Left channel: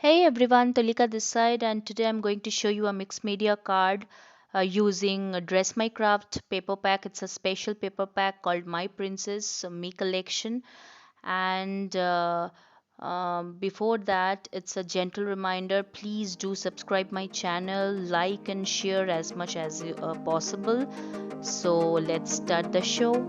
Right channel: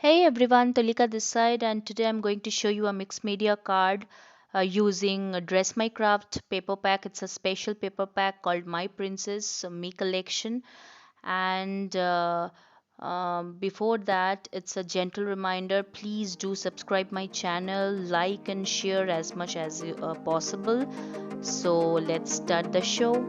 Hey everyone, Tulika this side, and today I'm going to show you a mixed media card using a Dress My Craft paper pack. It's a special paper pack called My Princess Me Collection. And before that, it's a gentle reminder, please do subscribe my channel, like and share as much as possible. So let's start the show.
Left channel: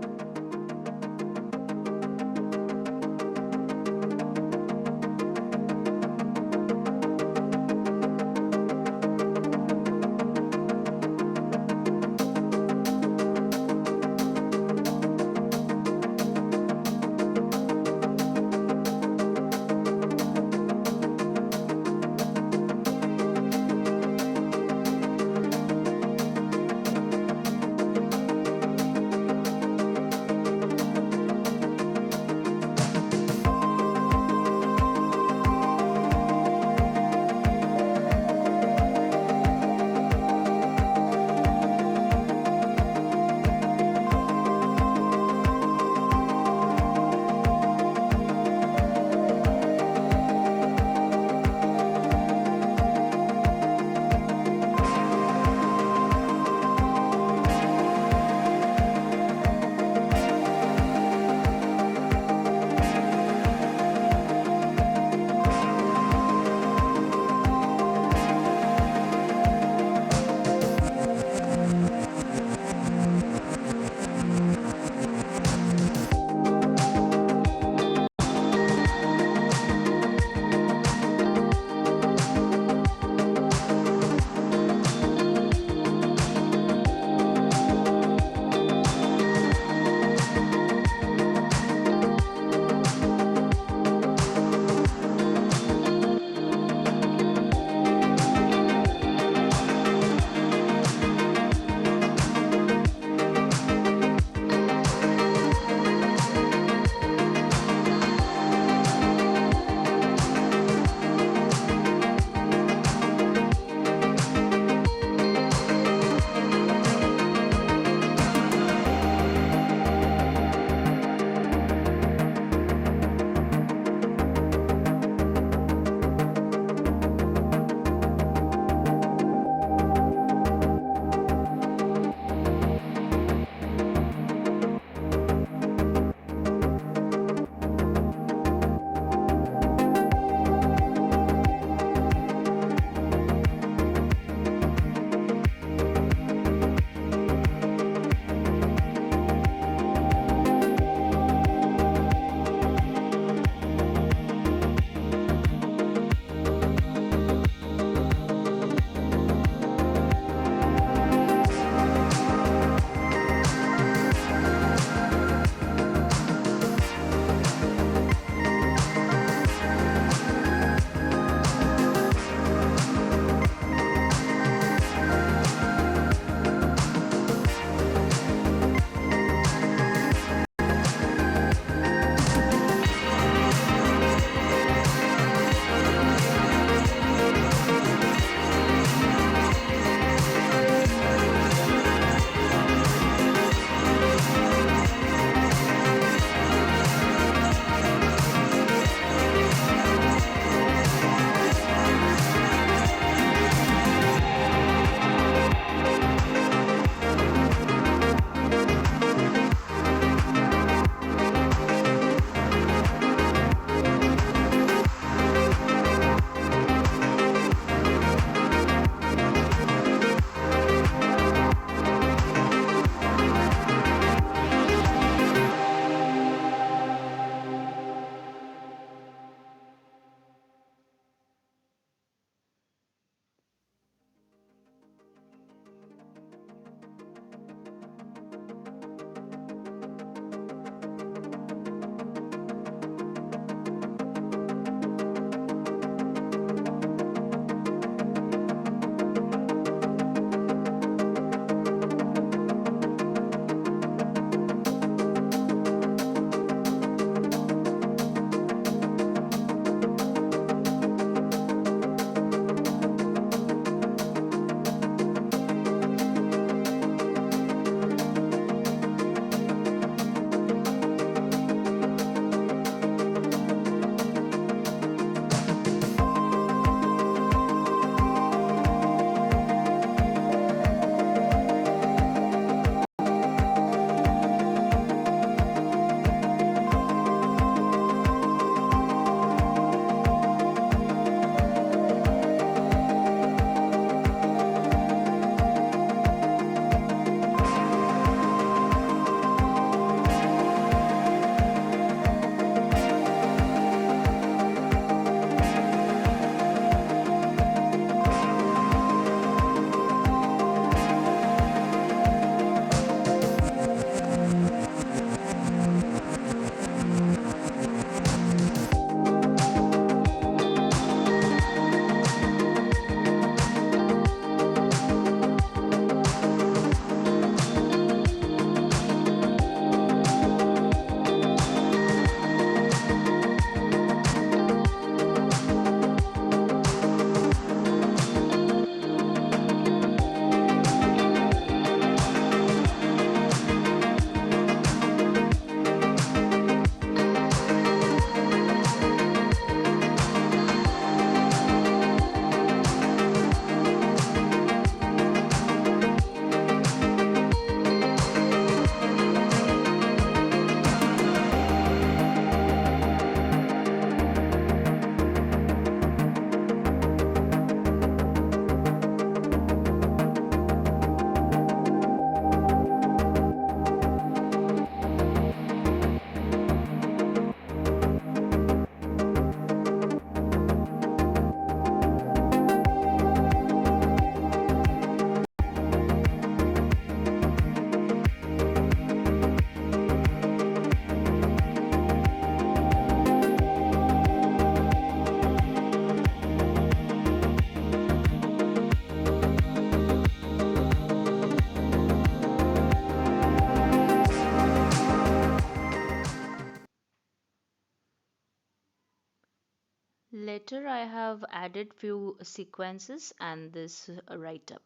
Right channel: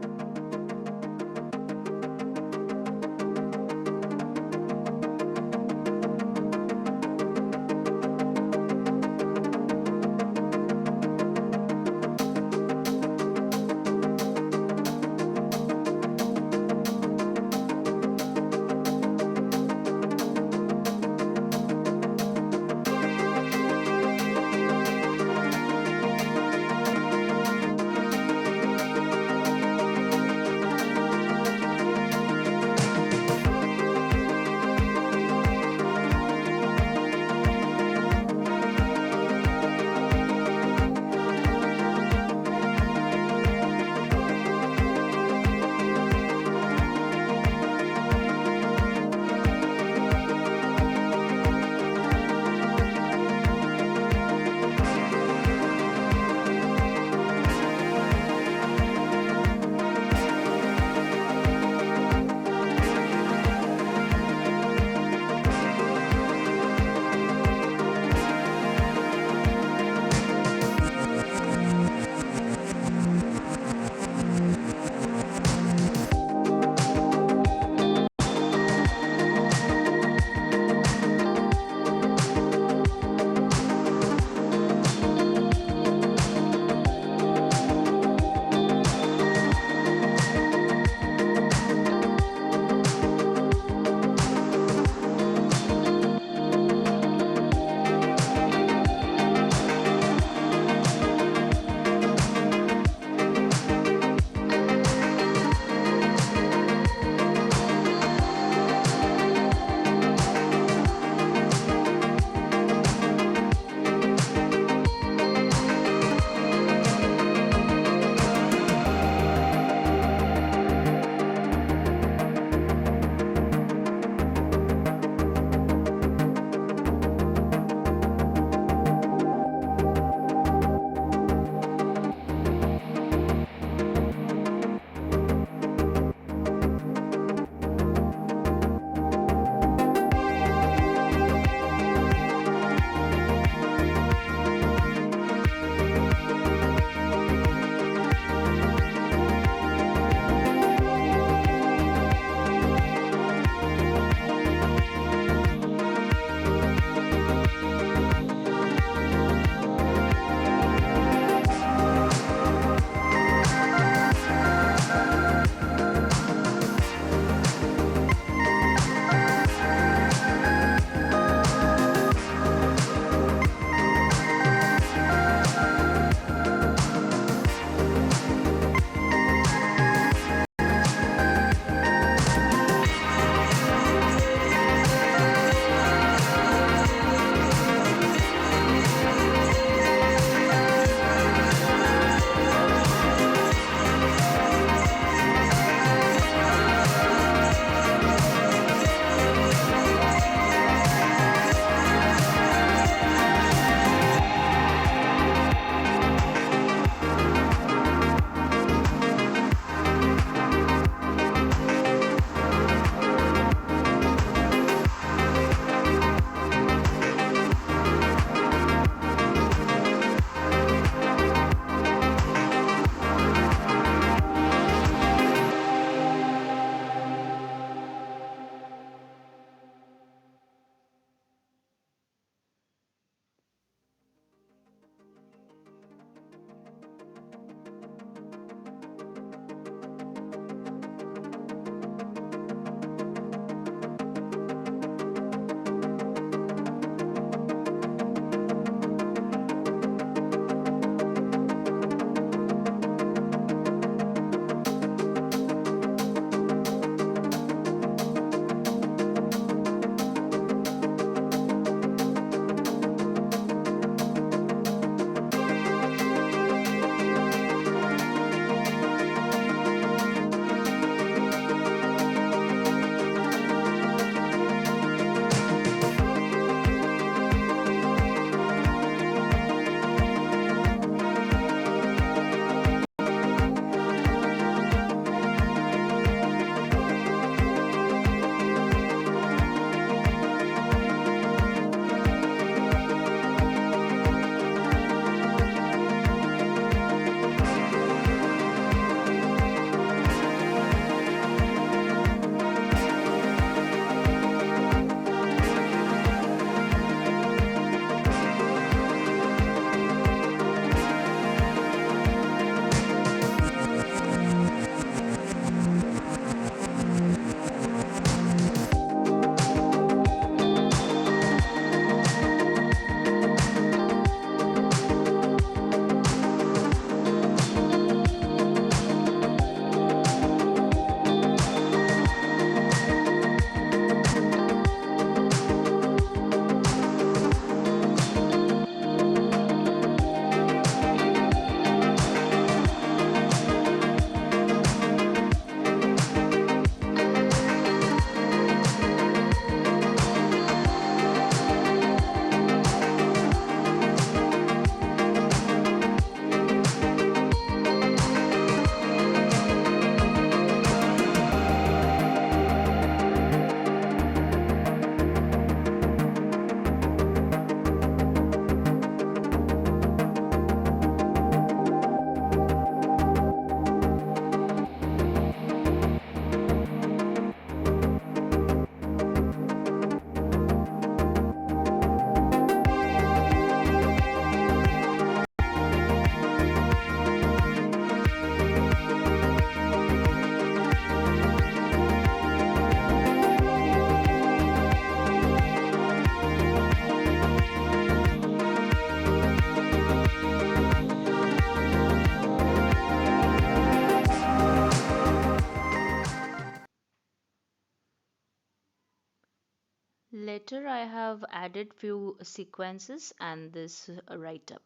Later, I have added few sequences and this write up.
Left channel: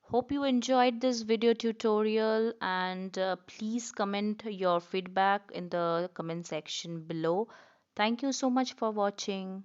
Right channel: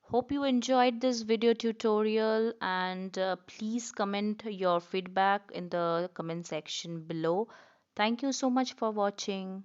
Hope you enjoyed this video tutorial and please comment your feedback in the comment section below. Thank you so much for watching.